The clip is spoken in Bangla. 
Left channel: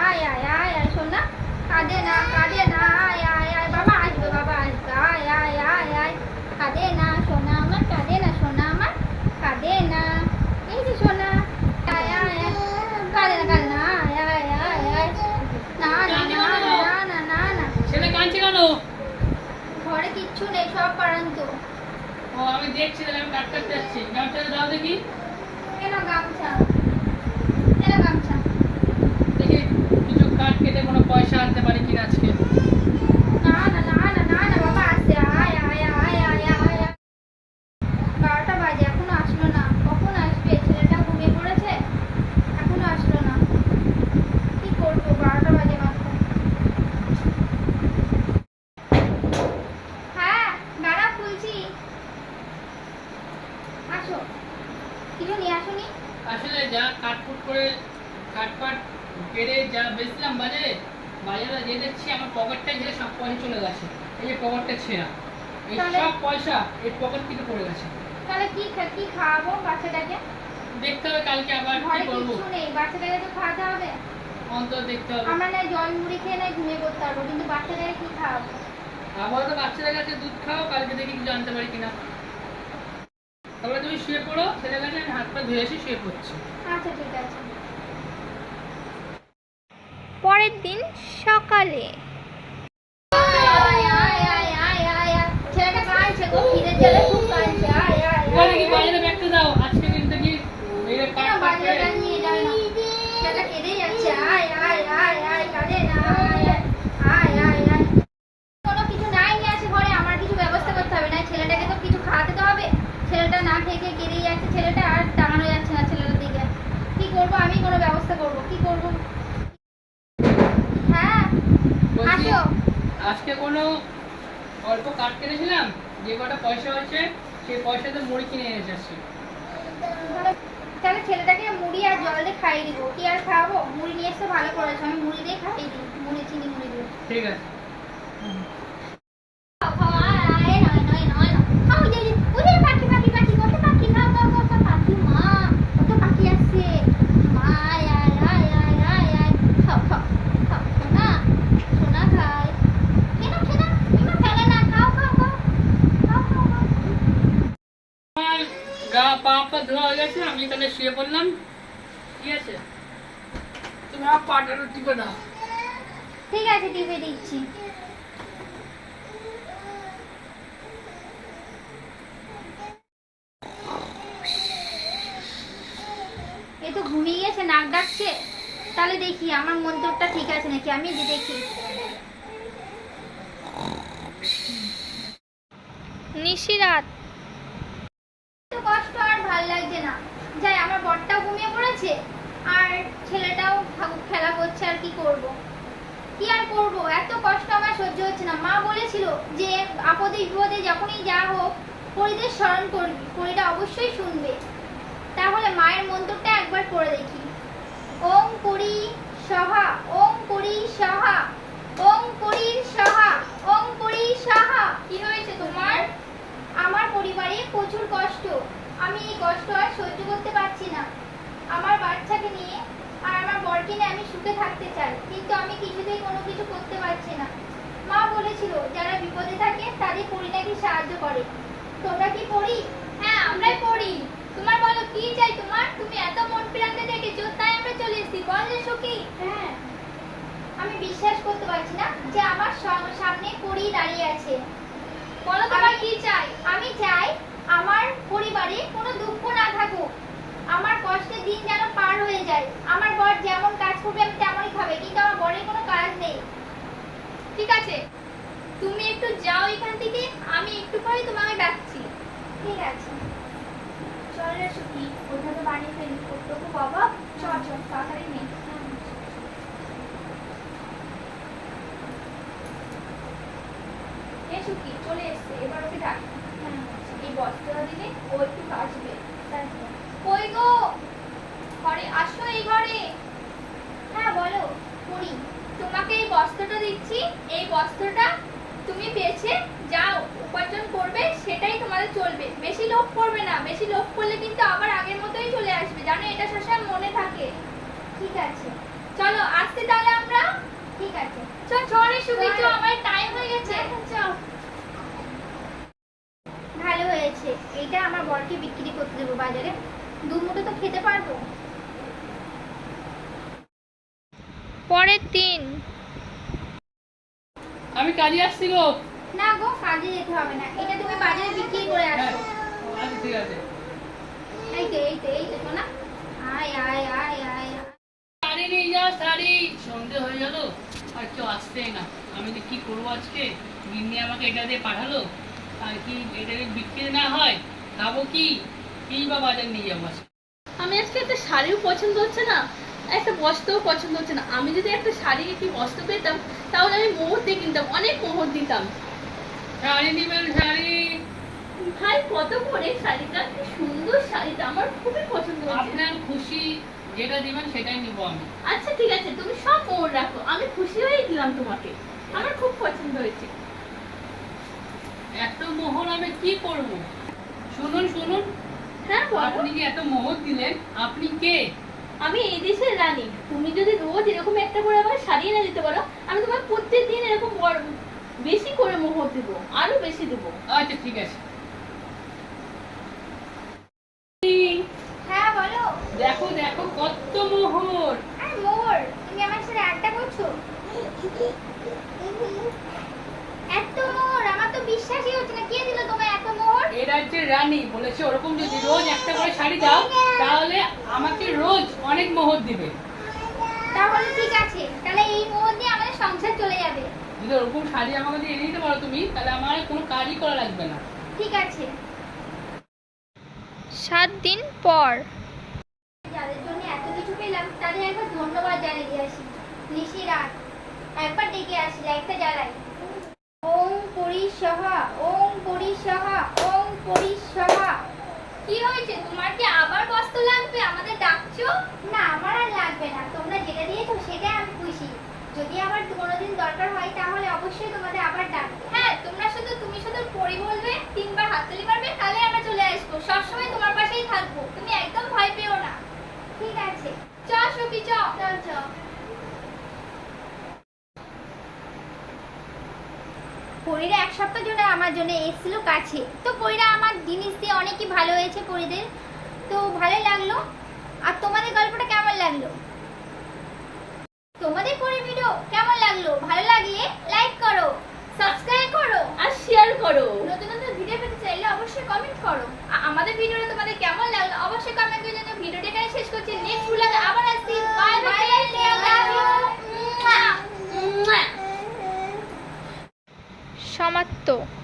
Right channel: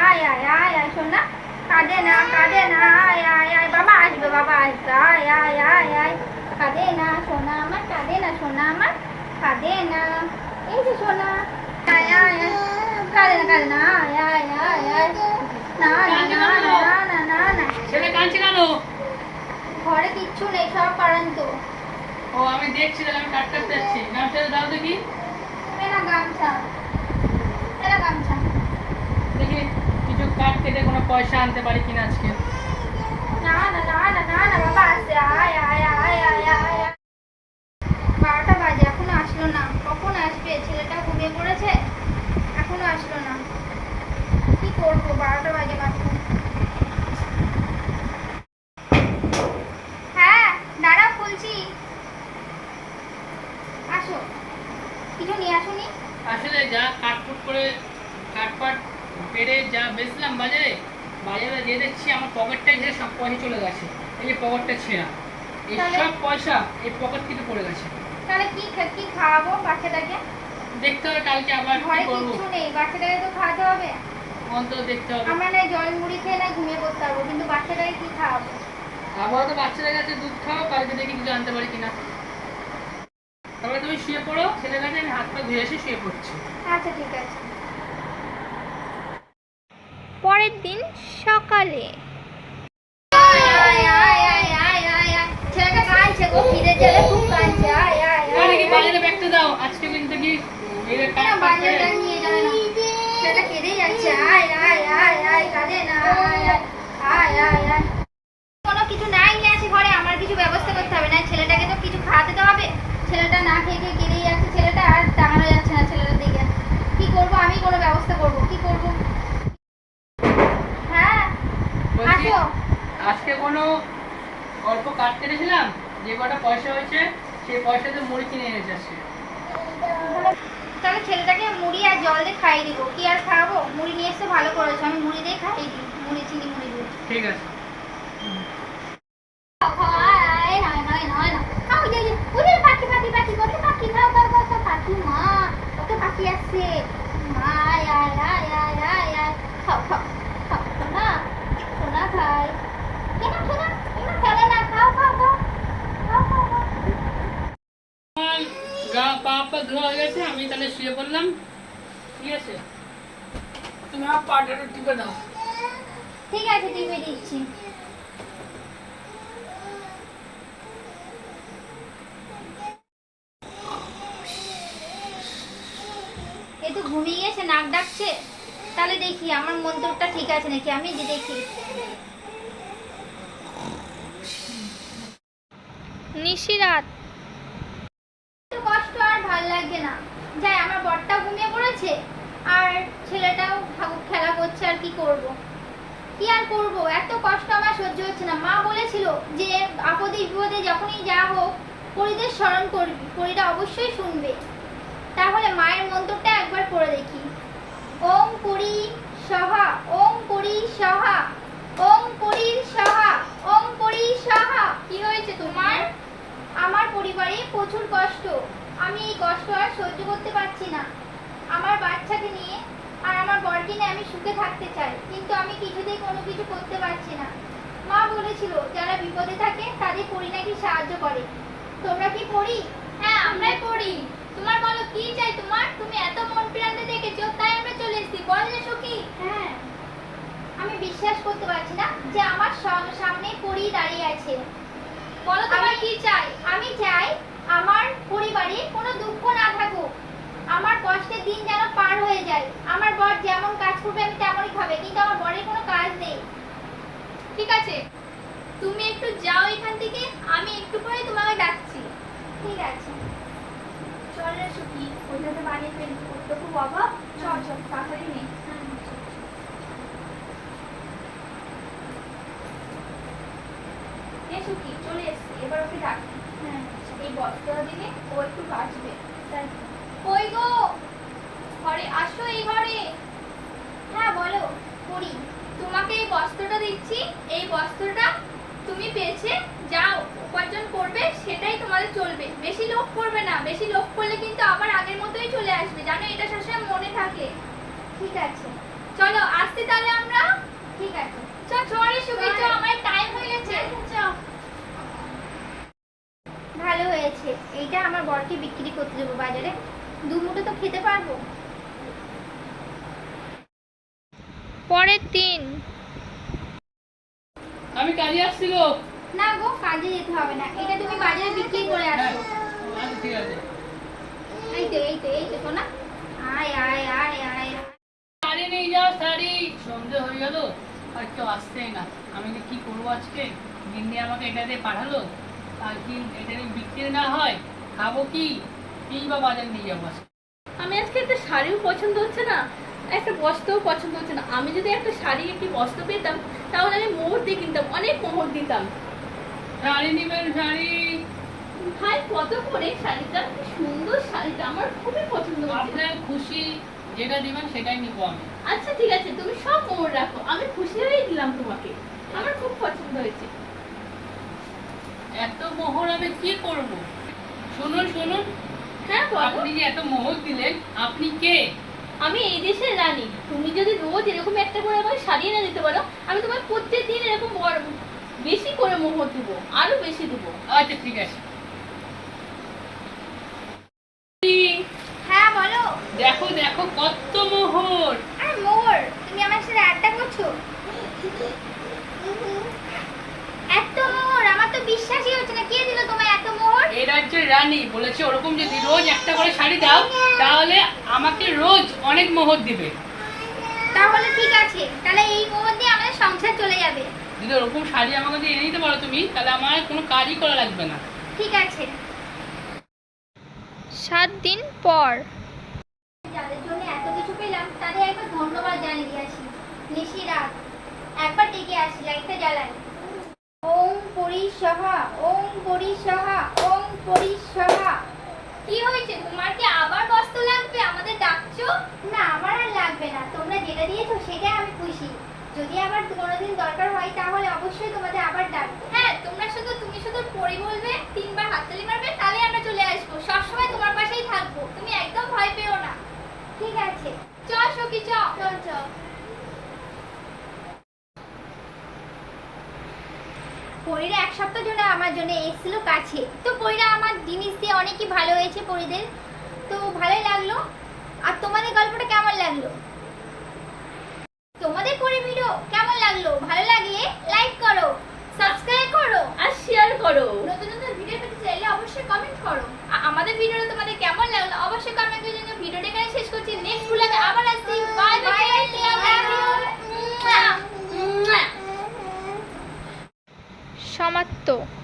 আয় আয় আয় আয় শোনা কাঁদে না কাঁদে না আয় আয় আয় বাবা আসবে বাবা আসবে আয় আয় আয় আয় কাঁদে না সোনা আমার কাঁদে না সোনা আমার কাঁদে না এই যে সোনা আয় আয় আয় কাঁদে না কাঁদে না আয় আয় আয় আয় না না না না না না না ছেলে কাঁদছে কেন ঘরে কিচ্ছু নেই সব পারেন তো ও আমি দেখছি আমি কাট কাটতে যাচ্ছি গামছাটা দাও দেখি গামছা এরা গামছা দেখি কিছু কাঠ কেটে কোনো পয়সা আনতে পারি কিনা আজকে? না না না না না বাবা আয় আয় আয় আয় আয় বারোটা বাজে এখনও আসলো না কখন আসবে ছেলেটা ঘুমিয়ে পড়েছে এখনও আসলো না কি করব বারোটা বাজে মাত্র হ্যাঁ দাঁড়া খুলছি আসো কিছু নিয়ে আসুনি আসলে যা কাটকুট করে কাটপাট পেরে যা বেচলাম বাজারে বাজারে যে দেখছি আমার পকেটটা ঘিরে সব পয়সা চলে গেছে এই যে পকেটটা ছেঁড়া এই সব পয়সা এই পকেট থেকে পড়ে গেছে। তাহলে কি কি খাওয়াবো বাচ্চাটাকে দেখতে হবে কালকে আবার কি করব। কিচ্ছু নেই বাচ্চাটাকে তো খাওয়াতে হবে। অন্তত দেখতে হবে। আমরা না জল মুড়ি খেয়ে না ঘুমিয়ে পড়তে পারব কিন্তু বাচ্চাটাকে কি খাওয়াবো? আবারও তো বাচ্চাদের কাছে দুধ খাও কালকে দেখি কিছু আনতে পারি কিনা। তারপরে তুমি শুয়ে পড়ো ছেলের কাছে আমি হাত পা ধুয়ে এসে শুয়ে পড়ছি। আচ্ছা ঠিক আছে পরের দিন সকালে ছেলেটা কাঁদছে গো খিদে ছেলে খুব কাঁদছে আয় আয় এবার দেখি আয় বাজারে ব্যাগটা দাও আজকে কিন্তু কি এই যে কেন কিছু নাই, নিয়ে আসি ঘরে, আমার কিছু ব্যবস্থা করতে হবে। না, ছেলেটাকে তো কিছু খাওয়াতে হবে। ছেলেটা না খেয়ে খেয়ে কেঁদেই যাচ্ছে ছেলেটা আর টাঙানো যাচ্ছে না ছেলেটার দিকে কি করব আমি কোনো ব্যবস্থা করব কি করব হ্যাঁ বলছি, আসো আজকে কোনো অল্প কাট কেটেছিলাম যে কটা পয়সা হচ্ছে সেই পয়সাতে মুড়ি কিনে এনে তাহলে- তাহলে ছেলেটাকে মুড়ি আর জল দিয়ে খাইয়ে দিব। কি আর খাব মুড়ি নিয়ে এসে ভালো করেছ আমি মুড়ি দিয়ে খাইয়ে দিই। মুড়ি চিনি মুড়ি দিয়ে। ঠিক আছে খাও, খাও, আয়, আয়, নয়, নয়, নয়, নয়। খাও, ওই যে, ওই যে, ওই যে, পাখি, পাখি, পাখি, কত পাখি, খাও, খাও, খাও, খাও, পাখি, মা, কত পাখি আসছে। মা, আয়, আয়, আয়, আয়, আয়, আয়। খাও, খাও, খাও, সোনা, সোনা খাই। কেন, কেন? এমন ফেলে না, খাও, খাও, খাও। খাও, খাও, খাও। আমার গা পা পা ধোয়া হয়ে গেছে আমি তাহলে শুয়ে পড়লাম। ঠিক আছে? তুমি আমার পাটা টিপে দাও। ঠিক আছে টিপে দিচ্ছি। এই তো ঘুমিয়ে গেছে নাক ডাকছে। তাহলে দেখি আমার মন্তরটা ঠিক আছে নাকি? আমি দেখি। নিশিরাত ভালো লাগছে না। যাই, আমার বরটাও ঘুমিয়ে পড়েছে, আর ছেলেটাও ঠাকুর খেলা করছে আর কি করব। কি আর করব? এত কষ্ট আমার সহ্য হচ্ছে না। মা বলেছিল যে, আপদে বিপদে যখনই যা হোক, পরিদের স্মরণ করবি। পরিটা অবশ্যই শুনবে। তাহলে মায়ের মন্ত্রটা একবার পড়ে দেখি। ওম পরি সহা, ওম পরি সহা ওম পরি সহা ওম পরি সহা কি হয়েছে তোমার আমার পরিবারে প্রচুর কষ্ট আমি এই কষ্ট আর সহ্য করতে পারছি না। আমার বাচ্চাকে নিয়ে আর আমার বরকে নিয়ে আমি সুখে থাকতে চাই কিন্তু আমি কিছুতেই কোনো কিছু করতে পারছি না। মা বলেছিল যারা বিপদে থাকে তাদের পরি নাকি সাহায্য করে। তোমরা কি পড়ি হ্যাঁ আমরাই পড়ি তোমার বলো কি চাই তোমার? তুমি এত মন প্রান্তে দেখেছ তাই আমরা চলে এসেছি। বল যে সুখী। হ্যাঁ আমি বিশ্বাস করতে পারছি না যে আমার সামনে পরি দাঁড়িয়ে আছে। বলো তোমার কি চাই? আমি চাই আমার পরিবারে কোনো দুঃখ না থাকুক। আমার কষ্টের দিন যেন পার হয়ে যায়। আমার বর যেমন কাজ করবে, আমি তেমনই খাবে। কিন্তু আমার বরের কোনো কাজ নেই। ঠিক আছে? তুমি একটু যাও এখান থেকে, আমি একটু পরে তোমাকে ডাকছি। ঠিক আছে। চল সুখী ওইভাবে বানিয়ে ফেলি। ওর তো খুব অভাব। চল চল, তাড়াতাড়ি নে। এ সুখী চলে এসছে। এবার ওকে ডাকি। এই বস্ত্রটা দিলে ও একটু কাচবে কই গো? ঘরে আসো এই ঘরে। হ্যাঁ বলো। পুরি তোমাকে এই বস্ত্রটা দিচ্ছি। এই বস্ত্রটা তুমি বেছে যাও। উপার্জন করবে সেটাই তোমাদের চলবে। বেশি লোভ করবে না। বেশি লোভ করলে কিন্তু আবার আগের মতোই চলে আসবে। জানো এটা সবসময় মনে থাকে। ঠিক আছে। চলো আসছি তাহলে আমরা। ঠিক আছে। চল চলে তো আমার টাইম হয়ে গেছে ভালো এইটা আমার বরকে বিক্রি করতে দেবো বাজারে। দু মুঠো তো খেতে পারব। পরের দিন আমি কাজে আসছি গো। না গো কাজে যেতে হবে না। এটা তুমি বাজারে বিক্রি করে হ্যাঁ, আসো আচ্ছা ঠিক আছে। এই তো এই তো এই তো শোনা। আয় আয় আয় আয়। শাড়ি নিয়ে যা শাড়ি। সন্ধে হয়ে গেল আর কেউ আসছেই না। আমি যে কি করব আজকে? গিন্নি আমাকে এটা দিয়ে পাঠালো। আর কি এটা বিক্রি না হয় খাব কি? কি বা বাজার নিয়ে যাব আমি আজকে একটা শাড়িও পছন্দ হচ্ছে না। একটা বস্ত্রও পছন্দ হচ্ছে না। আমি যদি একটা শাড়ি একটি বস্ত্র পেতাম তাহলে আমি মোহর দিয়ে কিনতাম অনেক মোহর দিতাম। শাড়ি নিবেন শাড়ি? ভাই কত করে শাড়িটা? কি সুন্দর শাড়িটা আমার খুবই পছন্দ আপনার খুশি যেটা দিবেন সেটাই নিবো আমি। আচ্ছা ঠিক আছে তুমি সব মোহর রাখো। আমি খুশি হয়ে দিলাম তোমাকে। আমার খুব পছন্দ হয়েছে। এত মোহর আমি কি করব? শুনুন শুনুন। হ্যাঁ আপনি যে এত মোহর দিলেন আপনি কে? আমি এই দেশের রানী তুমি যদি রোজ এরকম একটা করে আমাকে শাড়ি এনে দিতে পারো আমি তোমাকে প্রত্যেক দিন এরকম বেশি করে মোহর দেবো আরও বেশি দেবো। আচ্ছা ঠিক আছে। হ্যাঁ বলো। দেখো দেখো কত মোহর আর মোহর তুমি আমার সাথে আড্ডা করছ? এত মোহর আমার তো বিশ্বাসই হচ্ছে না কে দিল তোমায় এত মোহর এই রাজ্যের রানী বলেছে ওরকম যদি রোজ একটা করে শাড়ি দাও তাহলে আমাকে রোজ অনেক মোহর দিবে। তাহলে ঠিক আছে তাহলে এই মোহর দিয়ে আমাদের সংসার চলে যাবে। যদি ওরকম শাড়ি আমাকে দিয়ে এনে দিতে পারো তুমি তাহলে আমার কোনো কাজই করা লাগবে না। ঠিক আছে। সাত দিন পর। যাদের জন্য এত কিছু পেলাম তাদের একবার ধন্যবাদ জানিয়ে দিয়েছি। নিশি রাত একবার ডেকে আসি লাইটটা জ্বালাই। ওম পরিসহা ওম পরিসহা ওম পরিসহা কি হয়েছে? তোমার কি আবার বস্ত্র লাগবে? আমাদের ডাকছো? না আমার আর লাগবে না। তোমরা যেটা দিয়েছ সেটা আমি খুশি। যদি আবার কোনোদিন দরকার হয় তাহলে অবশ্যই তোমাদের আবার ডাকবো। হ্যাঁ তোমরা শুধু তুমি শুধু পড়ি বলবে তিনবার হাততালি মারবে তাহলে আমরা চলে আসব। সবসময় তোমার পাশেই থাকব। তুমি একদম ভয় পেও না। ঠিক আছে। চ সবি চ। চল চ পরীরা এক সপ্তাহ জন্য আমার জন্য এসেছিল কাছে। তো পরীরা আমার জিনিস দিয়ে অনেকই ভালো হয়েছে পরীদের। তো ভালো লাগল। আর তোমাদের গল্পটা কেমন লাগল? তোমাদের পরি ভিডিও কেমন লাগল? ভালো লাগলে লাইক করো সাবস্ক্রাইব করো। আর শেয়ার করো। নতুন নতুন ভিডিও পেতে চাইলে অবশ্যই কমেন্ট করো। আমাদের ভিডিওটা Perfecto.